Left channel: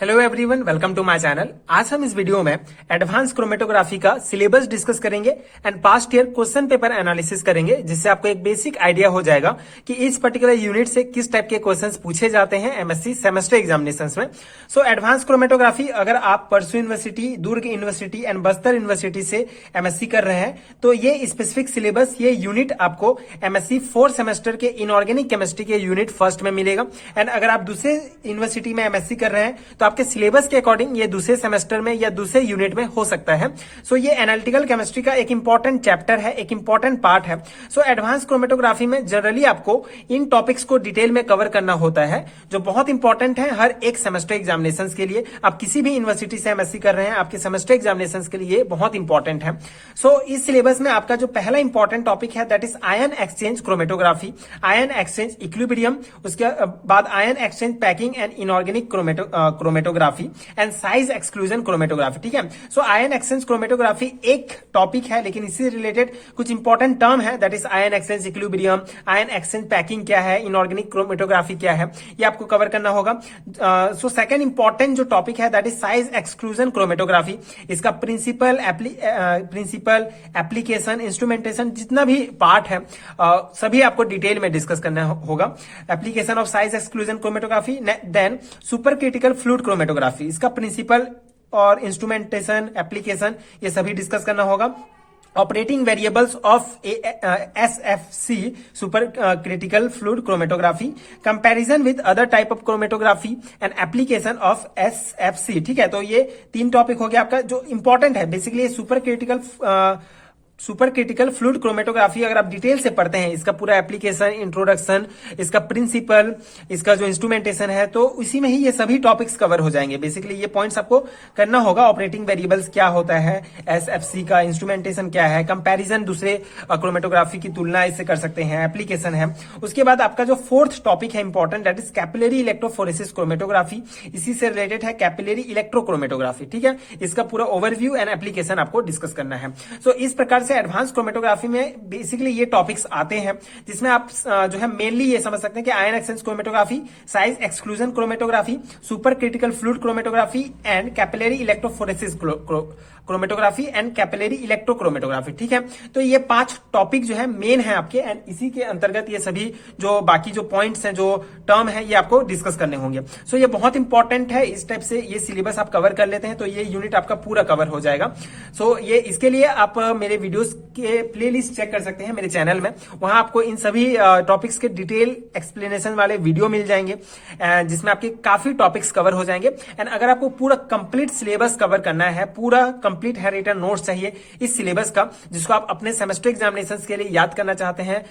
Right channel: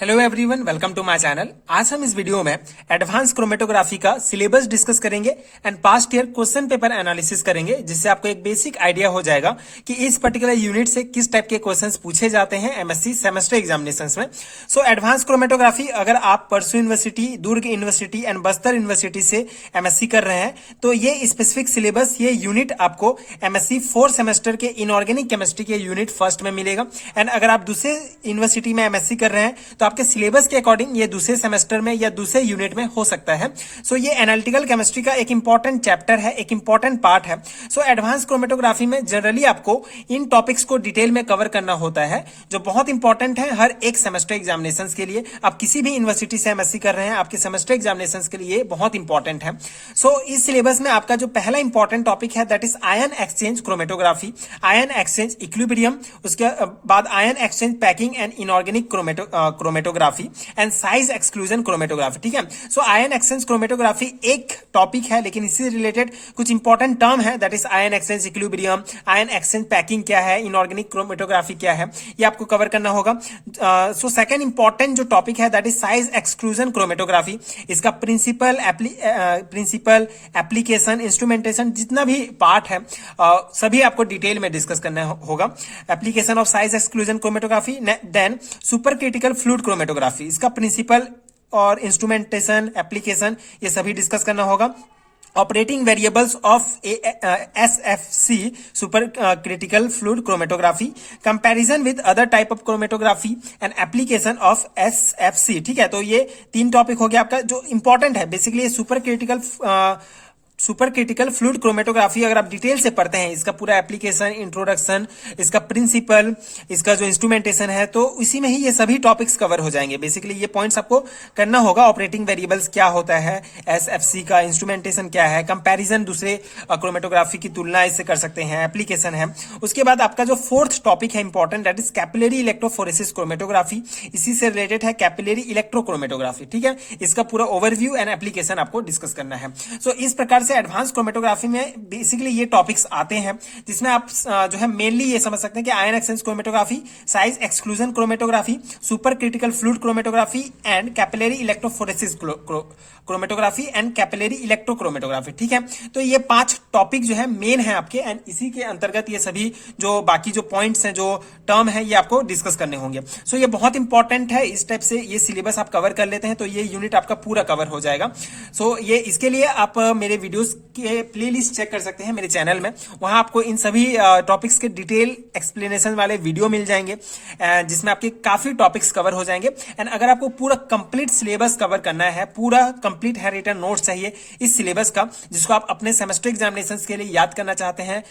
Hello everyone, welcome to my channel. आज हम इस वीडियो में एडवांस क्रोमेटोग्राफी का सिलेबस डिस्कस करेंगे and past year question paper analysis करेंगे, जिससे आपको एक बेसिक आइडिया हो जाएगा कि इस पर्टिकुलर यूनिट से किस टाइप के क्वेश्चंस पूछे जाते हैं एमएससी सेमेस्टर एग्जामिनेशंस में। सो एडवांस क्रोमेटोग्राफी अगर आप परसू university, Durg university and Bastar university से एमएससी कर रहे हैं तो ये स्पेसिफिक सिलेबस, ये यूनिट आपको एमएससी 4 सेमेस्टर के इनऑर्गेनिक केमिस्ट्री के यूनिट फर्स्ट में मिलेगा। एंड अगर आप दूसरे यूनिवर्सिटी में एमएससी कर रहे हैं तो आपके सिलेबस के अकॉर्डिंग ये दूसरे सेमेस्टर में या दूसरे यूनिट में हो सकता है। सो ये एनालिटिकल केमिस्ट्री का एक इंपॉर्टेंट चैप्टर है, एक इंपॉर्टेंट पार्ट है। सो एडवांस क्रोमेटोग्राफी में जनरली आपको इन टॉपिक्स को डिटेल में कवर करना होता है, जो बहुत इंपॉर्टेंट है हर एक सेमेस्टर एग्जामिनेशन के लिए। आप किसी भी यूनिवर्सिटी से एमएससी कर रहे हैं, आपके सेमेस्टर एग्जामिनेशन के लिए बहुत इंपॉर्टेंट है। सो इस सिलेबस में आपका जो पहला इंपॉर्टेंट टॉपिक है that is ion exchange chromatography, ion exchange equilibrium, उसके बाद ion exchange packing and inorganic chromatography and size exclusion chromatography. ठीक है, सो आयन एक्सचेंज क्रोमेटोग्राफी एक टॉपिक है, लेकिन इससे रिलेटेड कुछ इंपॉर्टेंट टर्म है that is ion exchange equilibrium, ion exchange packing क्या है, इनऑर्गेनिक क्रोमेटोग्राफी क्या है, ये आपको कवर करना होगा। सो सेकंड इंपॉर्टेंट जो टॉपिक है that is size exclusion chromatography. इसका प्रिंसिपल एप्लीकेशन, इंस्ट्रूमेंटेशन, जितना भी पार्ट है सभी आपको डिटेल में डिस्कस करना होगा। Application of size exclusion chromatography, then super critical fluid chromatography, इसका प्रिंसिपल और इंस्ट्रूमेंटेशन, एप्लीकेशन, ये सभी डिस्कस करना होगा। Operating variables of SFC, super critical fluid chromatography, comparison with other type of chromatography and application of SFC। ठीक है, तो ये 3 टॉपिक हो गया आपका जो इंपॉर्टेंट है। Basically super critical fluid chromatography अगर आप डिटेल से पढ़ते हैं, इसका पूरा एप्लीकेशन, इंट्रोडक्शन, इसका प्रिंसिपल, इसका जो इंस्ट्रूमेंटेशन है, तो इसी में ही ये सभी टॉपिक्स कवर हो जाएंगे। बेसिकली ये पॉइंट्स आपको करना होगा। ऑपरेटिंग वेरिएबल्स क्या होता है, SFC का इंस्ट्रूमेंटेशन क्या है, कंपैरिजन दूसरे क्रोमेटोग्राफी की तुलना इससे कर सकते हैं, एप्लीकेशन है। उसके बाद आपका जो 4th टॉपिक है important that is capillary electrophoresis chromatography, इसी से रिलेटेड है कैपिलरी इलेक्ट्रोक्रोमेटोग्राफी। ठीक है, इसका पूरा ओवरव्यू एंड एप्लीकेशन आपको डिस्कस करना है। सो इस प्रकार एडवांस क्रोमेटोग्राफी में बेसिकली ये टॉपिक्स आते हैं, जिसमें आप जो है मेनली ये समझ सकते हैं कि ion exchange chromatography, size exclusion chromatography, super critical fluid chromatography and capillary electrophoresis chromatography and capillary electrochromatography. ठीक है, तो ये 5 टॉपिक जो है मेन है आपके, एंड इसी के अंतर्गत ये सभी जो बाकी जो पॉइंट्स हैं, जो टर्म है, ये आपको डिस्कस करने होंगे। सो ये बहुत इंपॉर्टेंट है। इस टाइप से ये सिलेबस आप कवर कर लेते हैं तो ये यूनिट आपका पूरा कवर हो जाएगा। सो ये इसके लिए आप मेरे वीडियोस के प्लेलिस्ट चेक कर सकते हैं मेरे चैनल में, वहां आपको इन सभी टॉपिक्स के डिटेल एक्सप्लेनेशन वाले वीडियो मिल जाएंगे, जिसमें आपके काफी टॉपिक्स कवर हो जाएंगे। एंड अगर आपको पूरा कंप्लीट सिलेबस कवर करना है, पूरा कंप्लीट है रिटन नोट्स चाहिए इस सिलेबस का, जिसको आप अपने सेमेस्टर एग्जामिनेशंस के लिए याद करना चाहते हैं,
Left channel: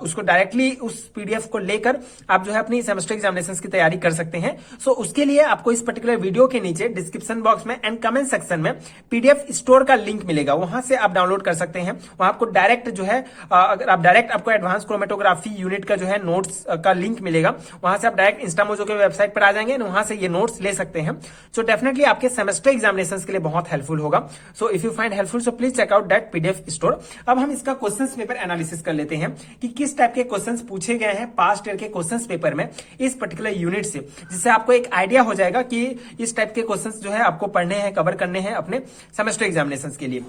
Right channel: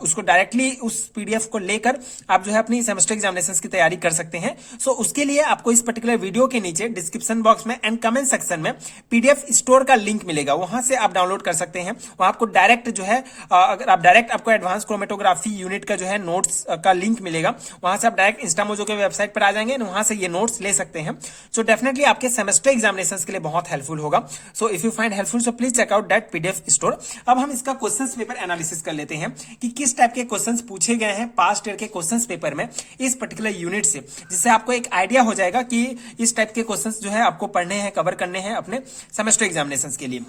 उसको डायरेक्टली उस PDF को लेकर आप जो है अपनी सेमेस्टर एग्जामिनेशंस की तैयारी कर सकते हैं। सो उसके लिए आपको इस पर्टिकुलर वीडियो के नीचे डिस्क्रिप्शन बॉक्स में एंड कमेंट सेक्शन में PDF स्टोर का लिंक मिलेगा, वहां से आप डाउनलोड कर सकते हैं। वहां आपको डायरेक्ट जो है अगर आप डायरेक्ट आपको एडवांस क्रोमेटोग्राफी यूनिट का जो है नोट्स का लिंक मिलेगा, वहां से आप डायरेक्ट इंस्टामोजो के वेबसाइट पर आ जाएंगे और वहां से ये नोट्स ले सकते हैं। सो डेफिनेटली आपके सेमेस्टर एग्जामिनेशंस के लिए बहुत हेल्पफुल होगा। So if you find helpful so please check out that PDF store. अब हम इसका क्वेश्चंस पेपर एनालिसिस कर लेते हैं कि किस टाइप के क्वेश्चंस पूछे गए हैं पास्ट ईयर के क्वेश्चंस पेपर में इस पर्टिकुलर यूनिट से, जिससे आपको एक आइडिया हो जाएगा कि इस टाइप के क्वेश्चंस जो है आपको पढ़ने हैं, कवर करने हैं अपने सेमेस्टर एग्जामिनेशंस के लिए।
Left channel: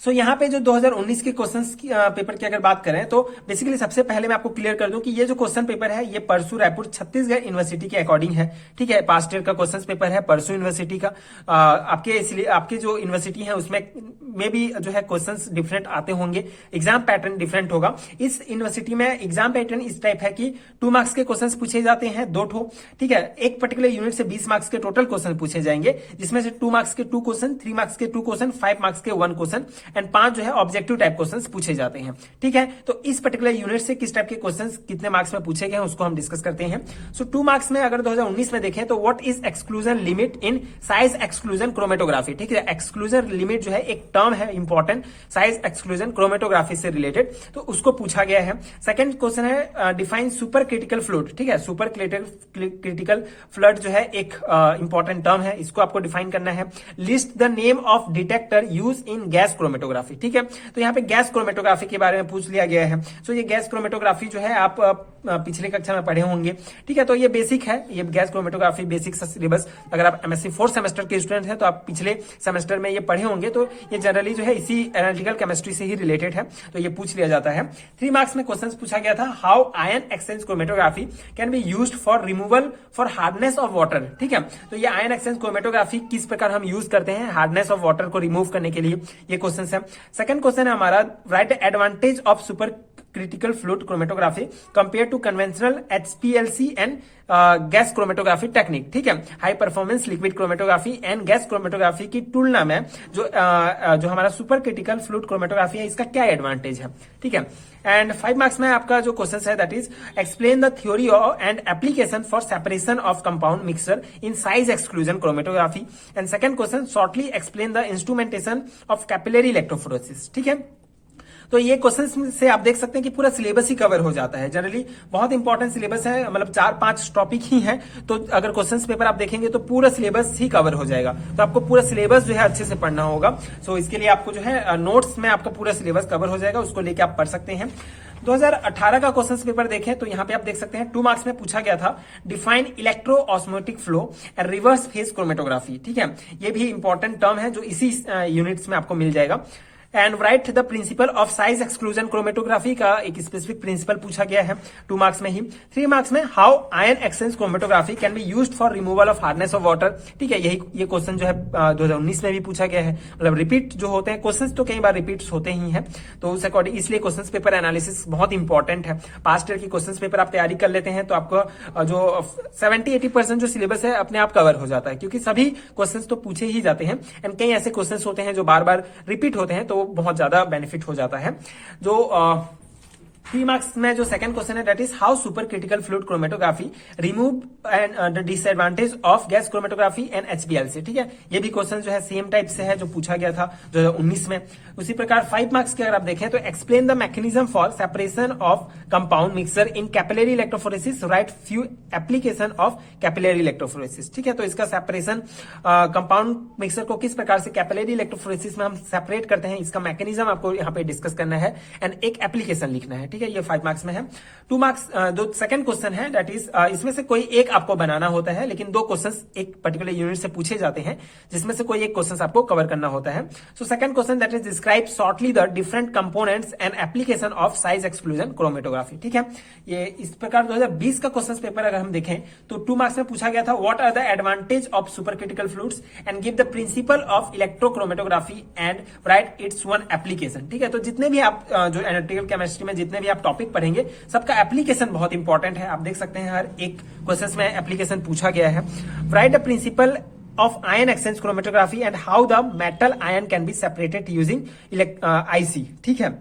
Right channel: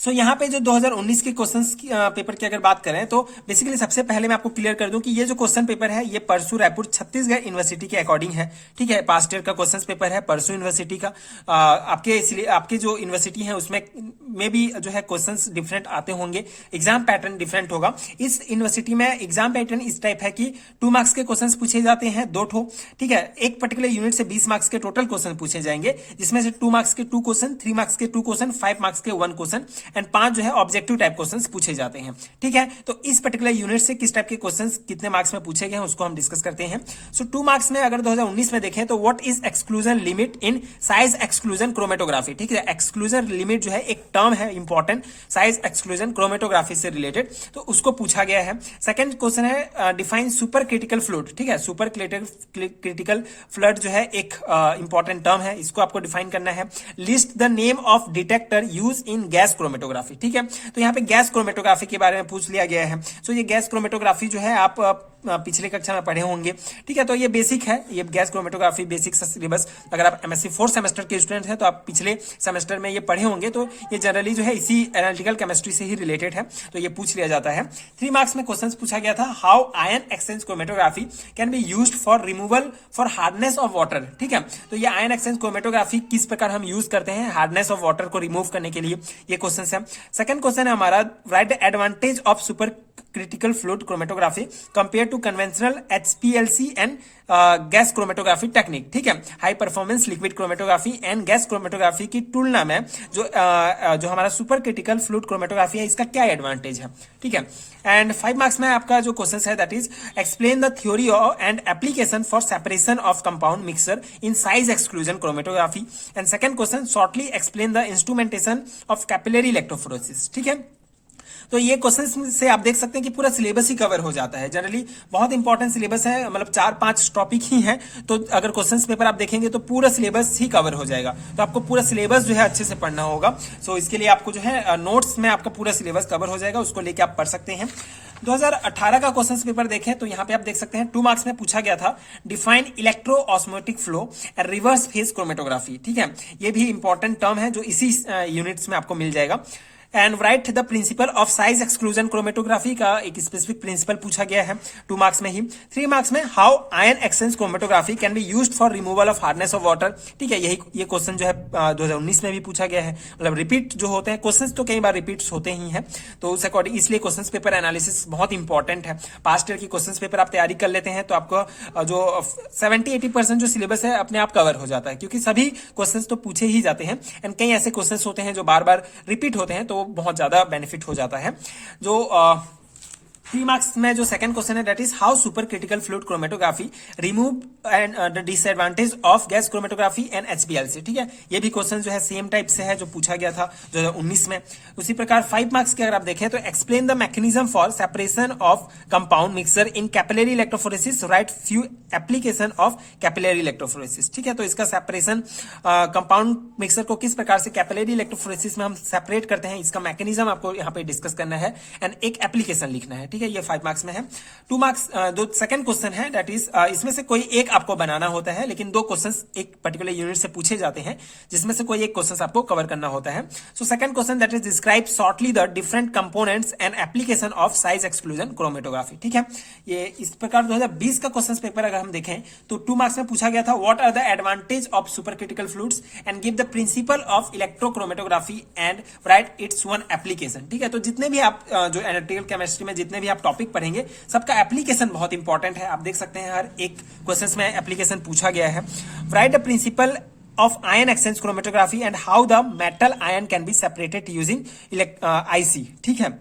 सो यहाँ पे जो 2019 के क्वेश्चंस पेपर की अगर बात करें तो बेसिकली सबसे पहले मैं आपको क्लियर कर दूं कि ये जो क्वेश्चन पेपर है ये परसू रायपुर छत्तीसगढ़ यूनिवर्सिटी के अकॉर्डिंग है। ठीक है, पास्ट ईयर का क्वेश्चन पेपर है परसू यूनिवर्सिटी का। आपके जो यूनिवर्सिटी है उसमें में भी जो है क्वेश्चंस डिफरेंट आते होंगे, एग्जाम पैटर्न डिफरेंट होगा। इस यूनिवर्सिटी में एग्जाम पैटर्न इस टाइप है कि 2 मार्क्स के क्वेश्चन पूछे जाते हैं 2 ठो। ठीक है, एक पर्टिकुलर यूनिट से 20 मार्क्स के टोटल क्वेश्चन पूछे जाएंगे, जिसमें से 2 मार्क्स के 2 क्वेश्चन, 3 मार्क्स के 2 क्वेश्चन, 5 मार्क्स के 1 क्वेश्चन एंड 5 जो है ऑब्जेक्टिव टाइप क्वेश्चंस पूछे जाते हैं। ठीक है, तो इस पर्टिकुलर यूनिट से किस टाइप के क्वेश्चंस कितने मार्क्स में पूछे गए हैं उसको हम डिस्कस करते हैं। सो 2 मार्क्स में अगर 2019 में देखें तो what is exclusion limit in size exclusion chromatography. ठीक है, एक्सक्लूजन लिमिट जो है एक टर्म है इंपॉर्टेंट, साइज एक्सक्लूजन क्रोमेटोग्राफी से रिलेटेड, तो उसको पूछा गया है। सेकंड क्वेश्चन है डिफाइन सुपर क्रिटिकल फ्लूइड। ठीक है, सुपर क्रिटिकल फ्लूइड जो है एक इंपॉर्टेंट टर्म है, इसको आपको डिफाइन करना है। List the name of detector use in gas chromatography. Chromatography, ठीक है। तो यहाँ पे गैस क्रोमेटोग्राफी के बारे में पूछ लिया गया है। सो ये गैस क्रोमेटोग्राफी जो है आप पिछले कक्षा में पढ़े होंगे, ठीक है। तो ये बेसिक है, ये गैस क्रोमेटोग्राफी बेसिक सिलेबस, अगर आप एमएससी 4th सेमेस्टर के स्टूडेंट हैं तो आप पिछले सेमेस्टर में ये पढ़े होंगे। तो ये जनरली जो है इसी एनालिटिकल केमिस्ट्री से ही रिलेटेड है, तो ये पूछ लिया जाता है। 3 मार्क्स में क्वेश्चन पूछा गया था, how ion exchange chromatography can be used for removal for hardness of water, ठीक है। तो ये आयन एक्सचेंज क्रोमेटोग्राफी किस प्रकार हम यूज करते हैं हार्डनेस ऑफ वाटर को रिमूव करने के लिए, ये क्वेश्चन है। सेकंड क्वेश्चन है हमारा, write the advantage of super critical fluid chromatography compare to conventional HPLC and gas chromatography technique, ठीक है। High performance liquid chromatography and gas chromatography की तुलना में जो हमारा सुपर क्रिटिकल फ्लूइड क्रोमेटोग्राफी है, इसका क्या एडवांटेज है, ठीक है। एंड 5 मार्क्स में आपका जो क्वेश्चन है that is explain the theory and application for separation of compound mixture in size exclusion chromatography. And second question, shortly explain the instrumentation of capillary electrophoresis, ठीक है। तो ये क्वेश्चन से आप देख सकते हैं कि पूरा सिलेबस ही कवर हो जाता है। जनरली बहुत इंपॉर्टेंट सिलेबस है, मतलब 4-5 टॉपिक ही हैं, तो अगर क्वेश्चंस पेपर आप देखेंगे तो पूरा सिलेबस ही कवर हो जाएगा। तो आपको पूरा सिलेबस जो है अच्छे से पढ़ना होगा। सो इसके लिए आपको जो है नोट्स में आपका पूरा सिलेबस कवर हो जाएगा, उसको लेके आप पढ़ सकते हैं। 2018 का क्वेश्चन पेपर देखें तो यहाँ पे आप देख सकते हैं 2 मार्क्स में पूछा गया था, define electro osmotic flow and reverse phase chromatography, ठीक है। ये भी इंपॉर्टेंट टर्म है जो इसी यूनिट्स में आपको मिल जाएगा। And right the principle of size exclusion chromatography का एक स्पेसिफिक प्रिंसिपल पूछा गया है 2 मार्क्स में ही। 3 मार्क्स में, how ion exchange chromatography can be used for removal of hardness of water, ठीक है। यही ये क्वेश्चन जो है 2019 में भी पूछा गया है, मतलब रिपीट जो होते हैं क्वेश्चंस तो कई बार रिपीट होते ही हैं, तो उस अकॉर्डिंग इसलिए क्वेश्चन पेपर एनालिसिस बहुत इंपॉर्टेंट है। पास्ट ईयर की क्वेश्चन पेपर आप तैयारी कर लेते हैं तो आपको जो 70-80% जो सिलेबस है अपने आप कवर हो जाता है, क्योंकि सभी क्वेश्चन तो पूछे ही जाते हैं। एंड कई ऐसे क्वेश्चन होते हैं जो बार बार रिपीट होते हैं, तो बहुत ज्यादा बेनिफिट हो जाता है। जो 3 मार्क्स में जो सेकंड क्वेश्चन है that is how super critical fluid chromatography remove and the disadvantage of gas chromatography and HPLC, ठीक है। ये भी क्वेश्चन जो है सेम टाइप से है जो पूछा गया था 2019 में। उसी प्रकार 5 मार्क्स के अगर आप देखें तो explain the mechanism for separation of compound mixture in capillary electrophoresis, right few application of capillary electrophoresis, ठीक है। तो इसका सेपरेशन कंपाउंड मिक्सर को किस प्रकार से कैपिलरी इलेक्ट्रोफोरेसिस में हम सेपरेट करते हैं, इसका मैकेनिज्म आपको यहाँ पे डिस्कस करना है एंड एक एप्लीकेशन लिखना है, ठीक है। ये 5 मार्क्स में है। 2 मार्क्स जो सेकंड क्वेश्चन है दैट इज इसमें से कोई एक आपको बनाना होता है, लेकिन 2 क्वेश्चंस एक पर्टिकुलर यूनिट से पूछे जाते हैं, जिसमें से कोई एक क्वेश्चन आपको कवर करना होता है। So second question that is describe shortly the different components and application of size exclusion chromatography, ठीक है। ये इस प्रकार 2020 का क्वेश्चन पेपर अगर हम देखें तो 2 मार्क्स में पूछा गया था, what are the advantage of super critical fluids and give the principle of electrochromatography and write its one application, ठीक है। तो जितने भी आप जो एनालिटिकल केमिस्ट्री में जितने भी आप टॉपिक पढ़ेंगे सबका एप्लीकेशन बहुत इंपॉर्टेंट है। आप देख सकते हैं हर एक क्वेश्चन में एप्लीकेशन पूछा गया है। Right the principle of ion exchange chromatography and how the metal ion can be separated using IC, ठीक है,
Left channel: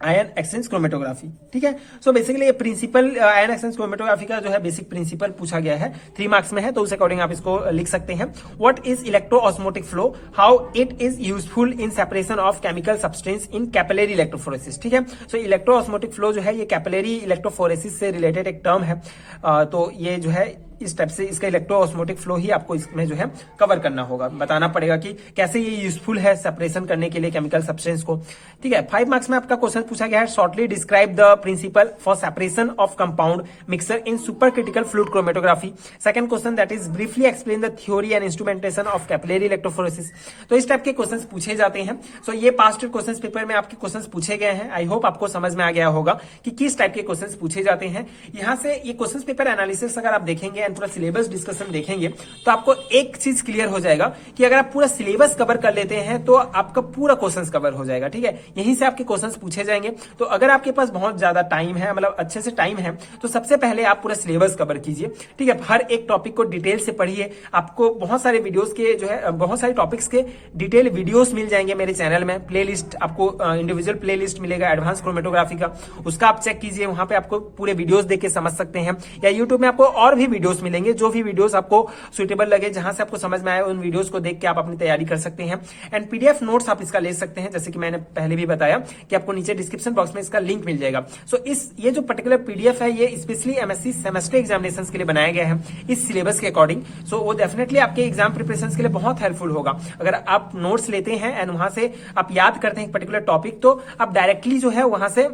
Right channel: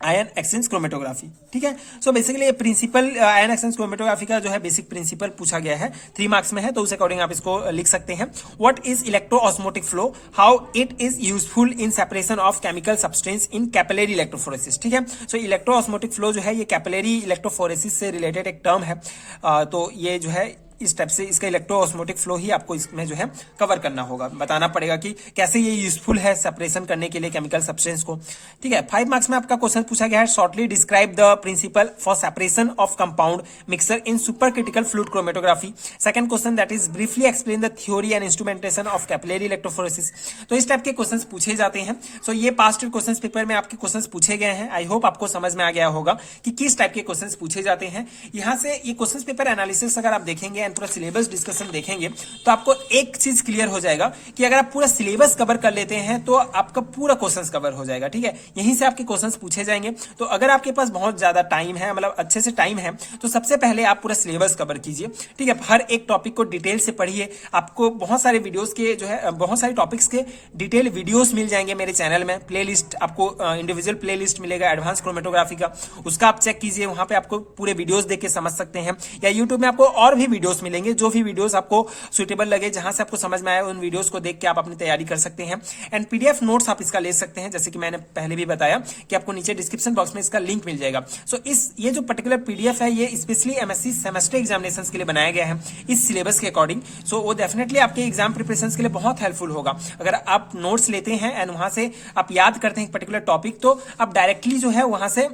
आयन एक्सचेंज क्रोमेटोग्राफी, ठीक है। सो बेसिकली ये प्रिंसिपल आयन एक्सचेंज क्रोमेटोग्राफी का जो है बेसिक प्रिंसिपल पूछा गया है, 3 मार्क्स में है, तो उस अकॉर्डिंग आप इसको लिख सकते हैं। What is electro osmotic flow, how it is useful in separation of chemical substance in capillary electrophoresis, ठीक है। सो इलेक्ट्रो ऑस्मोटिक फ्लो जो है ये कैपिलरी इलेक्ट्रोफोरेसिस से रिलेटेड एक टर्म है, तो ये जो है इस टाइप से इसका इलेक्ट्रो ऑस्मोटिक फ्लो ही आपको इसमें जो है कवर करना होगा, बताना पड़ेगा कि कैसे ये यूजफुल है सेपरेशन करने के लिए केमिकल सब्सटेंस को, ठीक है। 5 मार्क्स में आपका क्वेश्चन पूछा गया है, shortly describe the principle for separation of compound mixture in super critical fluid chromatography. Second question that is briefly explain the theory and instrumentation of capillary electrophoresis. तो इस टाइप के क्वेश्चन पूछे जाते हैं। सो ये पास्ट क्वेश्चन पेपर में आपके question पूछे गए हैं। आई होप आपको समझ में आ गया होगा कि किस टाइप के क्वेश्चन पूछे जाते हैं। यहाँ से ये क्वेश्चन पेपर एनालिसिस अगर आप देखेंगे एंड पूरा सिलेबस डिस्कशन देखेंगे तो आपको एक चीज क्लियर हो जाएगा कि अगर आप पूरा सिलेबस कवर कर लेते हैं तो आपका पूरा क्वेश्चंस कवर हो जाएगा, ठीक है। यहीं से आपके क्वेश्चंस पूछे जाएंगे। तो अगर आपके पास बहुत ज्यादा टाइम है, मतलब अच्छे से टाइम है, तो सबसे पहले आप पूरा सिलेबस कवर कीजिए, ठीक है। हर एक टॉपिक को डिटेल से पढ़िए। आपको बहुत सारे वीडियोस के जो है बहुत सारे टॉपिक्स के डिटेल वीडियोस मिल जाएंगे मेरे चैनल में। प्लेलिस्ट आपको इंडिविजुअल प्लेलिस्ट मिलेगा एडवांस क्रोमेटोग्राफी का, उसका आप चेक कीजिए, वहां पे आपको पूरे वीडियोस देख के समझ सकते हैं। या यूट्यूब में आपको और भी वीडियोस वीडियोस मिलेंगे। जो भी वीडियोस आपको सुटेबल लगे, जहां से आपको समझ में आए, उन वीडियोस को देख के आप अपनी तैयारी कर सकते हैं। एंड पीडीएफ नोट्स आप इसका ले सकते हैं, जैसे कि मैंने पहले भी बताया कि आपको नीचे डिस्क्रिप्शन बॉक्स में इसका लिंक मिल जाएगा। सो ये जो पर्टिकुलर पीडीएफ है, ये स्पेशली एमएससी सेमेस्टर एग्जामिनेशन के लिए बनाया गया है इस सिलेबस के अकॉर्डिंग। सो वो डेफिनेटली आपके एग्जाम प्रिपरेशन के लिए बहुत हेल्पफुल होगा। अगर आप नोट्स लेते हैं एंड वहां से आप याद करते हैं पर्टिकुलर टॉपिक, तो आप डायरेक्टली जो है वहां से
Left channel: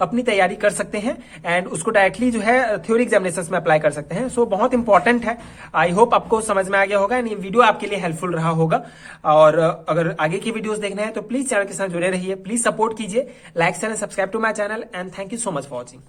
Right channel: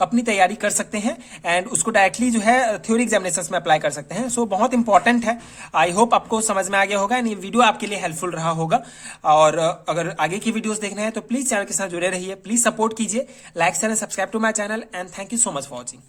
अपनी तैयारी कर सकते हैं एंड उसको डायरेक्टली जो है थ्योरी एग्जामिनेशंस में अप्लाई कर सकते हैं। सो बहुत इंपॉर्टेंट है। आई होप आपको समझ में आ गया होगा एंड ये वीडियो आपके लिए हेल्पफुल रहा होगा। और अगर आगे की वीडियोस देखना है तो प्लीज चैनल के साथ जुड़े रहिए, प्लीज सपोर्ट कीजिए, like share and subscribe to my channel and thank you so much for watching.